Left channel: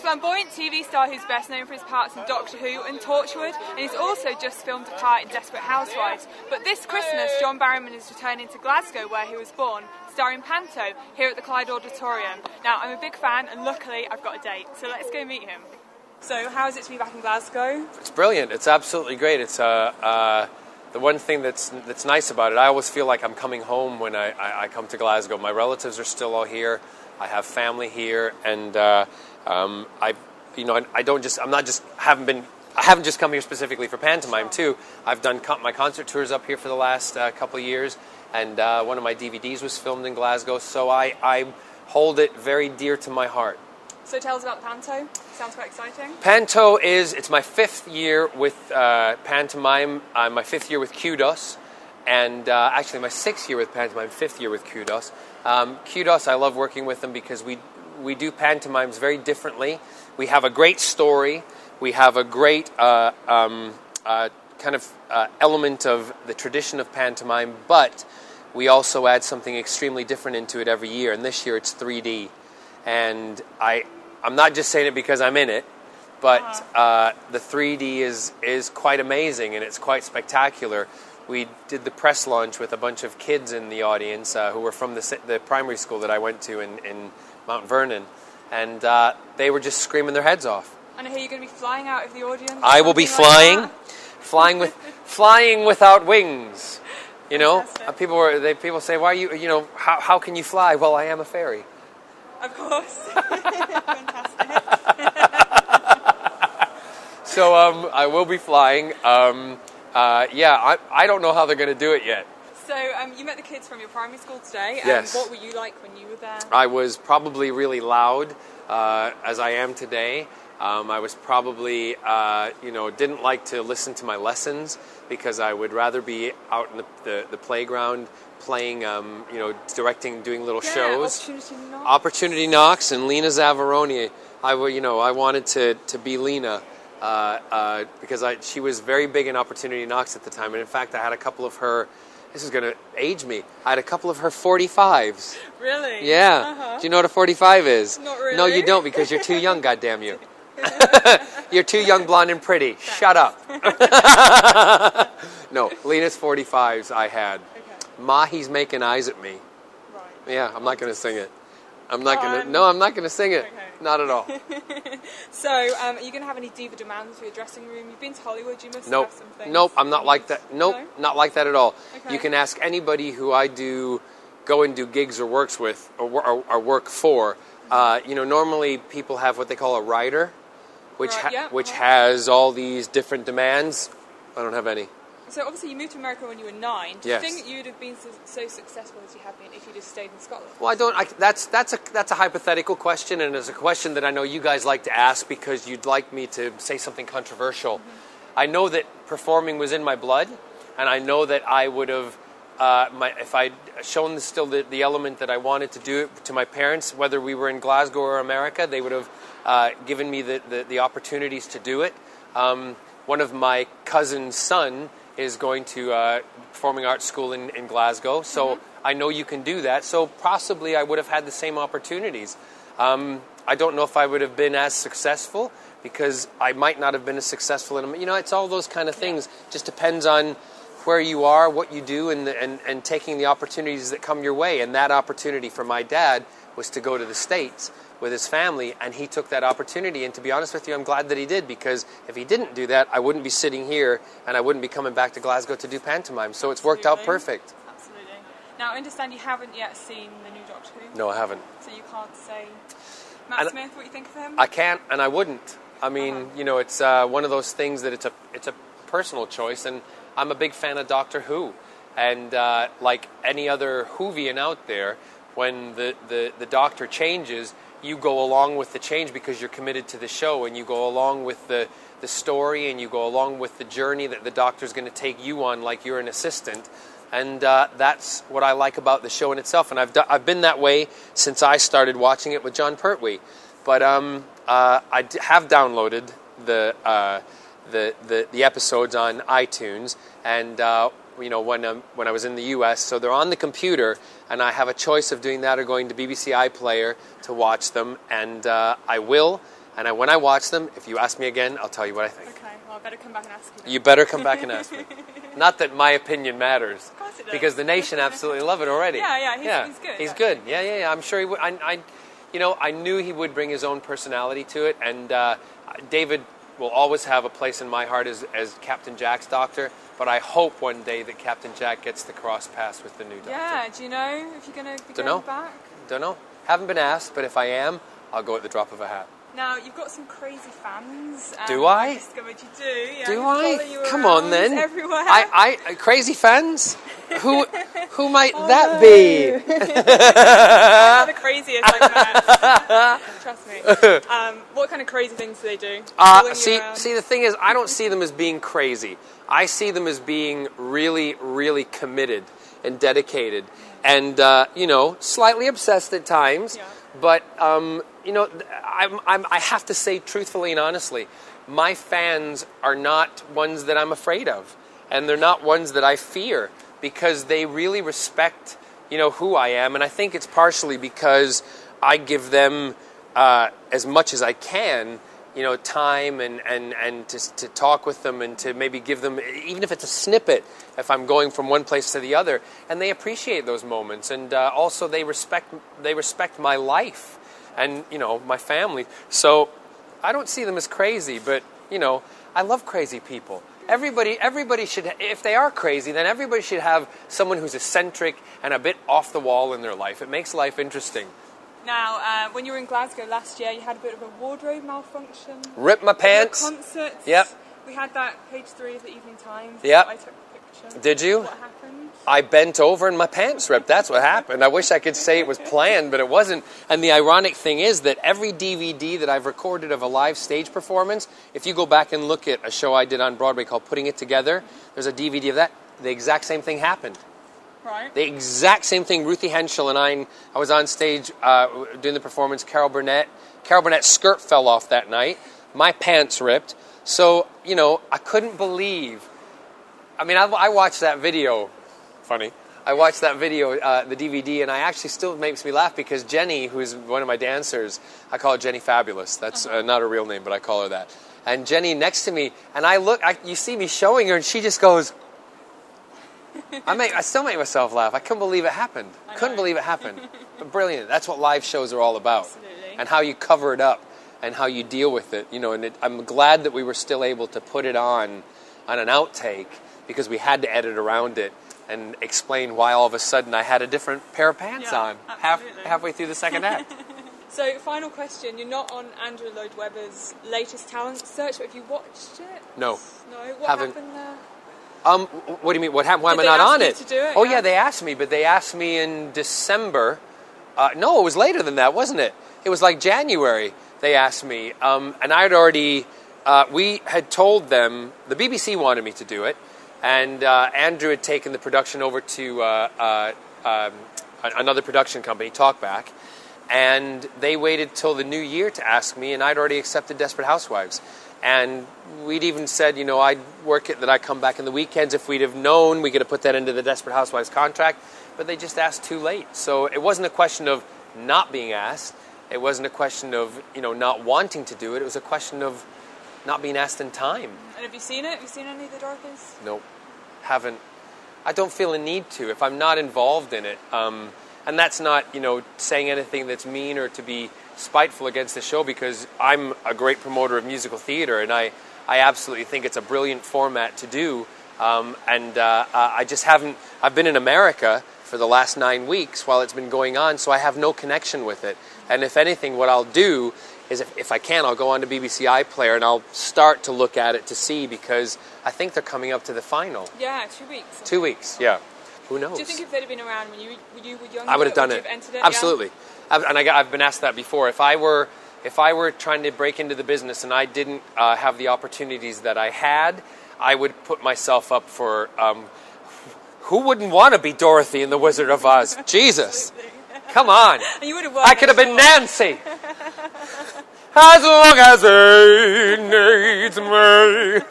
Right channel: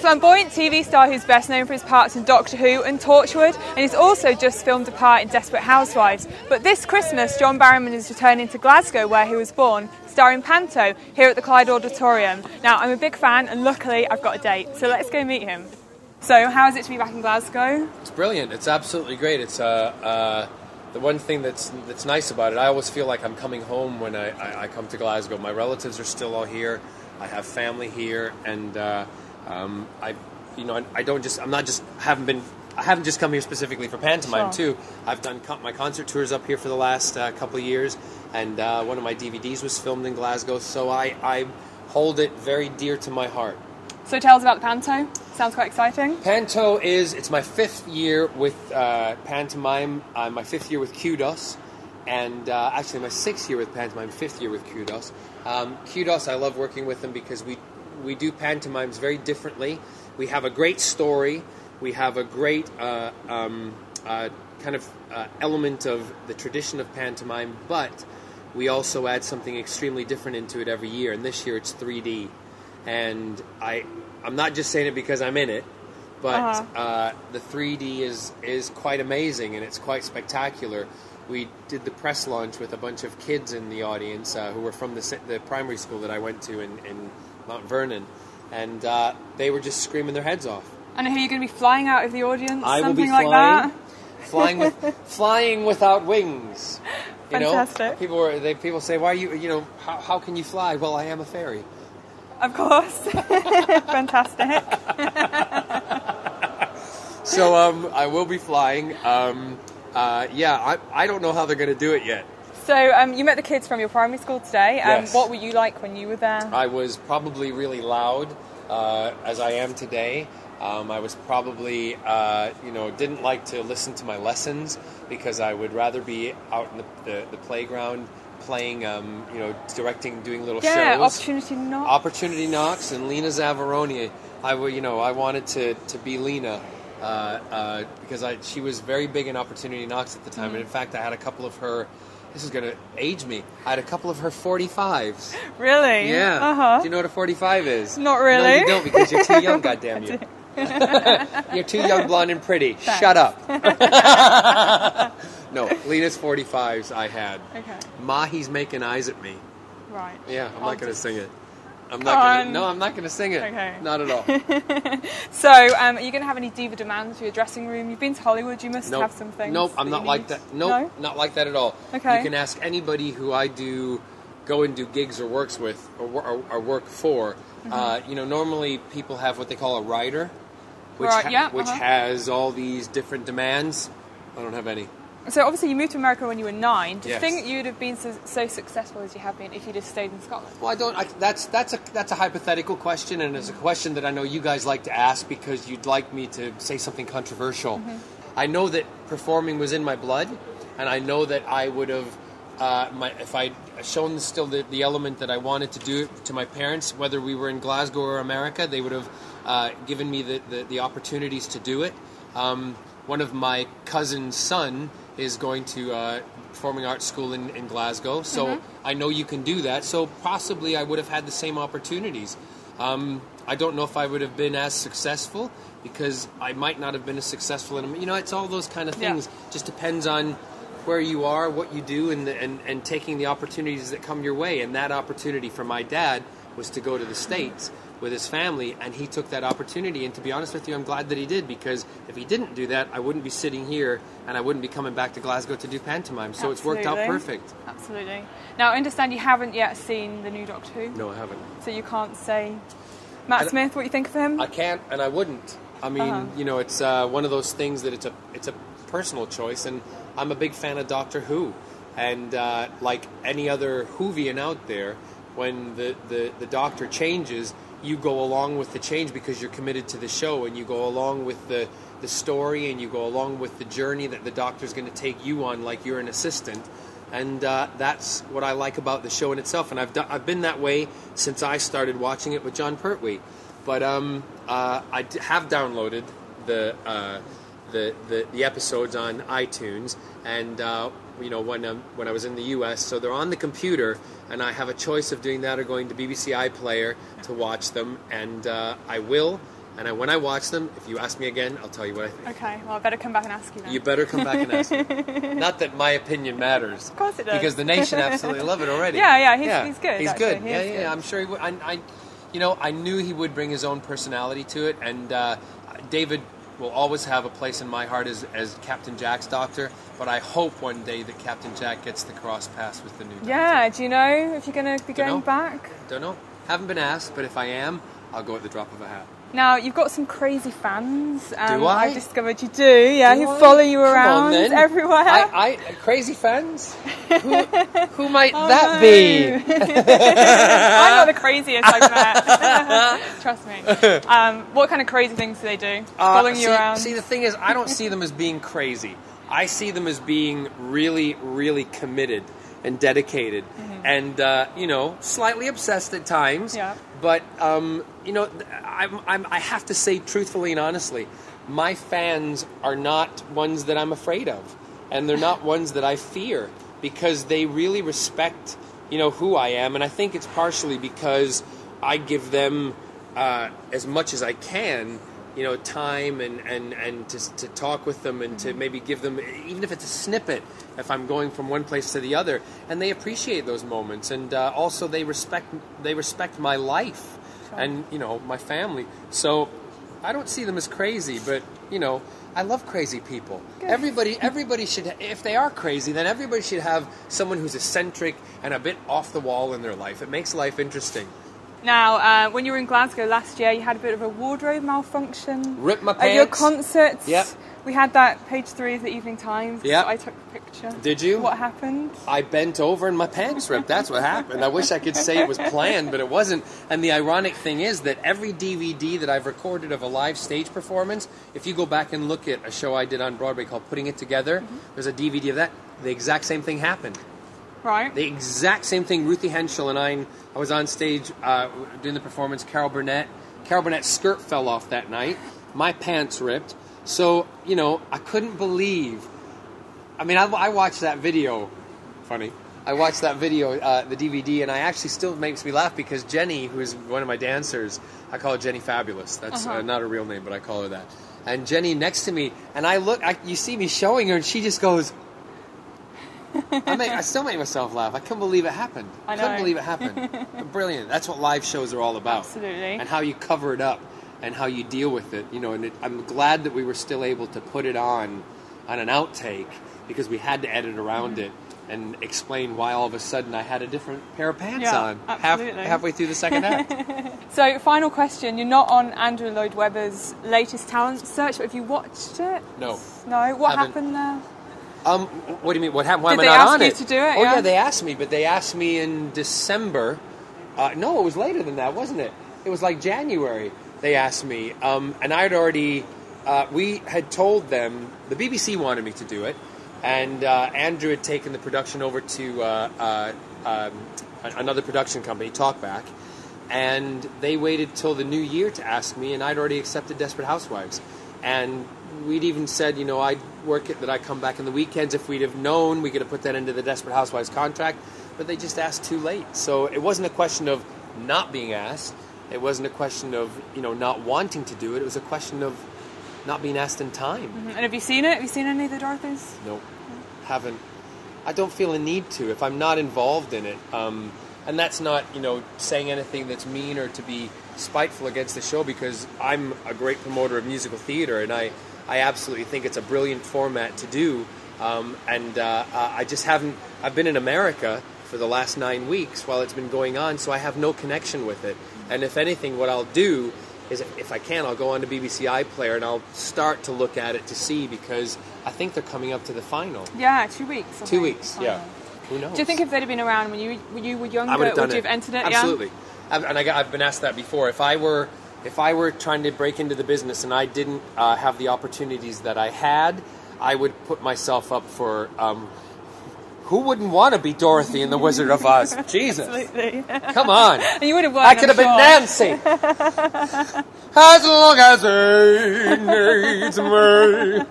flamboyant TV star who's best known for his parts in Doctor Who and Torchwood, and he's also just filmed a part in Desperate Housewives. But this Christmas, John Barrowman is returning to Glasgow, where he was born, starring Panto, here at the Clyde Auditorium. Now, I'm a big fan, and luckily I've got a date, so let's go meet him. So, how is it to be back in Glasgow? It's brilliant. It's absolutely great. It's the one thing that's nice about it. I always feel like I'm coming home when I come to Glasgow. My relatives are still all here. I have family here, and I haven't just come here specifically for pantomime too. I've done my concert tours up here for the last couple of years, and one of my DVDs was filmed in Glasgow, so I hold it very dear to my heart. So tell us about the Panto. Sounds quite exciting. Panto it's my 5th year with pantomime. My 5th year with Kudos, and actually my 6th year with pantomime, 5th year with Kudos. Kudos, I love working with them because we do pantomimes very differently. We have a great story. We have a great kind of element of the tradition of pantomime, but we also add something extremely different into it every year. And this year it's 3D. And I'm not just saying it because I'm in it, but the 3D is quite amazing, and it's quite spectacular. We did the press launch with a bunch of kids in the audience who were from the primary school that I went to in Mount Vernon, and they were just screaming their heads off. And are you going to be flying out of the audience? I will be flying, flying without wings. You Fantastic. know, people say, "Why you how can you fly?" Well, I am a fairy. Of course. Fantastic. So I will be flying. I don't know how they're going to do it yet. So you met the kids from your primary school today. Yes. What were you like when you were there? I was probably really loud, as I am today. I was probably, didn't like to listen to my lessons because I would rather be out in the playground playing, directing, doing little shows. Opportunity Knocks and Lena Zavaroni. I wanted to be Lena because she was very big in Opportunity Knocks at the time. And in fact, I had a couple of her, this is going to age me, I had a couple of her 45s. Really? Yeah. Do you know what a 45 is? Not really. No, you don't, because you're too young, goddamn you. You're too young, blonde, and pretty. Thanks. Shut up. No, Lena's 45s I had. Okay. Mahi's making eyes at me. Right. Yeah, I'm not going to sing it. I'm not going to sing it. Okay. Not at all. So, are you going to have any diva demands for your dressing room? You've been to Hollywood, you must have some things. Nope, I'm not like that. Nope, No? not like that at all. Okay. You can ask anybody who I go and do gigs or works with or work for. Normally people have what they call a rider, which has all these different demands. I don't have any. So obviously you moved to America when you were 9. Do you Yes. think you'd have been so successful as you have been if you'd have stayed in Scotland? Well, I don't. That's a hypothetical question, and it's a question that I know you guys like to ask because you'd like me to say something controversial. Mm-hmm. I know that performing was in my blood, and I know that I would have, if I'd shown still the element that I wanted to do it to my parents, whether we were in Glasgow or America, they would have given me the opportunities to do it. One of my cousin's son is going to performing arts school in Glasgow, so I know you can do that, so possibly I would have had the same opportunities. I don't know if I would have been as successful, because I might not have been as successful in them. It's all those kind of things. Yeah. Just depends on where you are, what you do, and taking the opportunities that come your way. And that opportunity for my dad was to go to the States with his family, and he took that opportunity. And to be honest with you, I'm glad that he did, because if he didn't do that, I wouldn't be sitting here, and I wouldn't be coming back to Glasgow to do pantomime. So It's worked out perfect. Absolutely. Now, I understand you haven't yet seen the new Doctor Who. No, I haven't. So you can't say, Matt Smith, what you think of him? I can't, and I wouldn't. I mean, it's one of those things that it's a personal choice, and I'm a big fan of Doctor Who. And like any other Whovian out there, when the Doctor changes, you go along with the change because you're committed to the show, and you go along with the story, and you go along with the journey that the Doctor's going to take you on like you're an assistant. And that's what I like about the show in itself. And I've been that way since I started watching it with John Pertwee. But I have downloaded the episodes on iTunes, and when I was in the U.S., so they're on the computer, and I have a choice of doing that or going to BBC iPlayer to watch them, and I will. And when I watch them, if you ask me again, I'll tell you what I think. Okay, well, I better come back and ask you then. You better come back and ask me. Not that my opinion matters. Of course it does. Because the nation absolutely love it already. Yeah, he's good. He's actually. good. Yeah. I'm sure he would. I knew he would bring his own personality to it, and David will always have a place in my heart as Captain Jack's doctor, but I hope one day that Captain Jack gets the cross pass with the new doctor. Yeah, do you know if you're going to be going back? Don't know. Haven't been asked, but if I am, I'll go at the drop of a hat. Now, you've got some crazy fans. Do I? I discovered you do, yeah. Do who I? follow you Come around on, then. everywhere. Crazy fans? Who might that no. be? I'm not the craziest I've met. Trust me. What kind of crazy things do they do? Following you around? See, the thing is, I don't see them as being crazy. I see them as being really, really committed and dedicated, and slightly obsessed at times. Yeah. But I have to say truthfully and honestly, my fans are not ones that I'm afraid of, and they're not ones that I fear, because they really respect who I am, and I think it's partially because I give them as much as I can. Time and to talk with them and to maybe give them, even if it's a snippet, if I'm going from one place to the other, and they appreciate those moments, and also they respect my life, and my family. So I don't see them as crazy, but I love crazy people. Good. Everybody should, if they are crazy, then everybody should have someone who's eccentric and a bit off the wall in their life. It makes life interesting. Now, when you were in Glasgow last year, you had a bit of a wardrobe malfunction. Ripped my At your pants. concerts. Yep. We had that page 3 of the Evening Times. Yep. I took a picture. Did you? What happened? I bent over and my pants ripped. That's what happened. I wish I could say it was planned, but it wasn't. And the ironic thing is that every DVD that I've recorded of a live stage performance, if you go back and look at a show I did on Broadway called Putting It Together, there's a DVD of that. The exact same thing happened. Right. The exact same thing. Ruthie Henschel and I was on stage doing the performance. Carol Burnett's skirt fell off that night. My pants ripped. So, I couldn't believe. I mean, I watched that video. Funny. I watched that video, the DVD, and I actually still makes me laugh because Jenny, who is one of my dancers, I call her Jenny Fabulous. That's not a real name, but I call her that. And Jenny next to me, and you see me showing her, and she just goes, I still make myself laugh. I couldn't believe it happened. I couldn't believe it happened. But brilliant. That's what live shows are all about. Absolutely. And how you cover it up and how you deal with it. I'm glad that we were still able to put it on an outtake, because we had to edit around it and explain why all of a sudden I had a different pair of pants on halfway through the second act. So, final question. You're not on Andrew Lloyd Webber's latest talent search, but have you watched it? No. No? What happened there? What do you mean? What happened? Why am I Did they not ask on you it? to do it? Oh yeah, they asked me, but they asked me in December. No, it was later than that, wasn't it? It was like January. They asked me, and I had already. We had told them the BBC wanted me to do it, and Andrew had taken the production over to another production company, Talkback, and they waited till the new year to ask me, and I'd already accepted Desperate Housewives, and we'd even said, I'd work it, that I'd come back in the weekends. If we'd have known, we could have put that into the Desperate Housewives contract, but they just asked too late. So it wasn't a question of not being asked. It wasn't a question of, not wanting to do it. It was a question of not being asked in time. Mm-hmm. And have you seen it? Have you seen any of the Dorothys? Nope. Haven't. I don't feel a need to if I'm not involved in it. And that's not, saying anything that's mean or to be spiteful against the show, because I'm a great promoter of musical theater, and I absolutely think it's a brilliant format to do. I just haven't. I've been in America for the last 9 weeks while it's been going on, so I have no connection with it. And if anything, what I'll do is, if I can, I'll go on to BBC iPlayer and I'll start to look at it to see, because I think they're coming up to the final. Yeah, 2 weeks. 2 weeks, yeah. Who knows? Do you think if they'd have been around when you were younger, I would have done would you have entered it? Absolutely. Yeah? I've been asked that before. If I were trying to break into the business and I didn't have the opportunities that I had, I would put myself up for. Who wouldn't want to be Dorothy in The Wizard of Oz? Jesus, come on! You would have won. I could have been Nancy. As long as he needs me.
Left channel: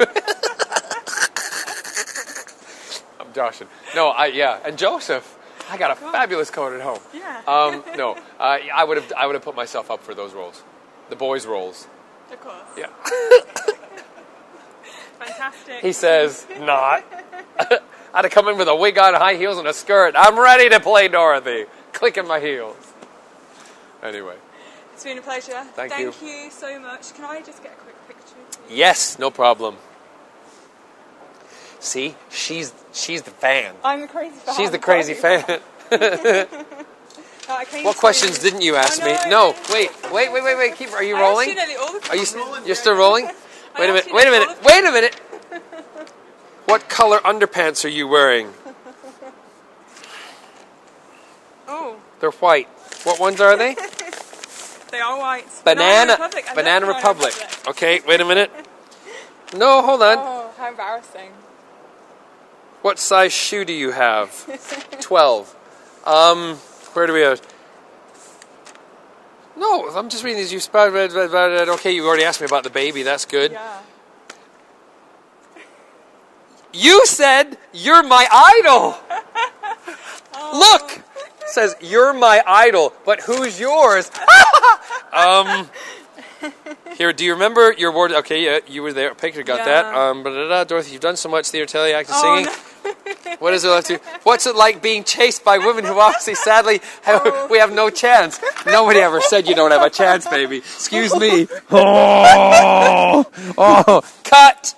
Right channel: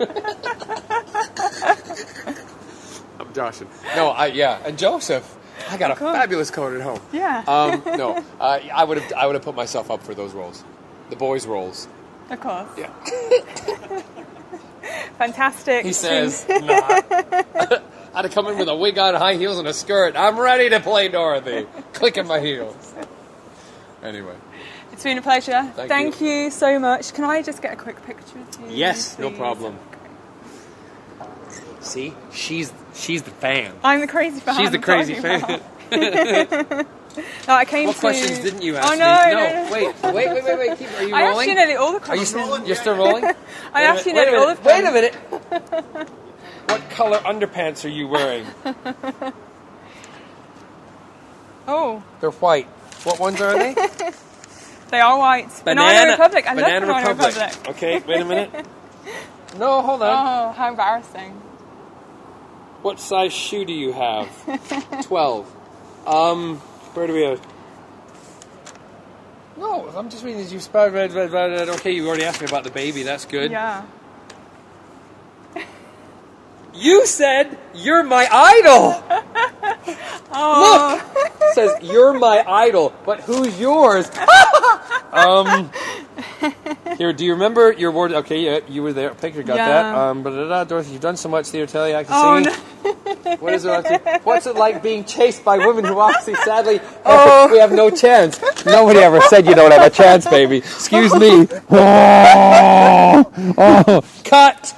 Josh, no, and Joseph. I got a fabulous coat at home. Yeah. I would have put myself up for those roles, the boys' roles. Of course. Yeah. Fantastic. He says, not. I'd have come in with a wig on, high heels, and a skirt. I'm ready to play Dorothy. Clicking my heels. Anyway. It's been a pleasure. Thank you so much. Can I just get a quick picture of you? Yes, please? no problem. See, she's the fan. I'm the crazy fan. She's the crazy fan. No, I came What questions didn't you ask me? No, wait. Keep. Are you I rolling? asked you nearly all the Are you questions. You're still rolling? I Wait a asked minute. you Wait a nearly all minute. the Wait a minute. What color underpants are you wearing? Oh. They're white. What ones are they? They are white. Banana Republic. I love Banana Republic. Okay, wait a minute. No, hold on. Oh, how embarrassing. What size shoe do you have? 12. Where do we have? No, I'm just reading these. You spotted. Okay, you already asked me about the baby. That's good. Yeah. You said you're my idol. Oh. Look, it says you're my idol, but who's yours? Here, do you remember your award? Okay, yeah, you were there. Picture got that. Dorothy, you've done so much theater, telly, acting, singing. No. What is it like to? What's it like being chased by women who obviously, sadly, we have no chance? Nobody ever said you don't have a chance, baby. Excuse me. Cut.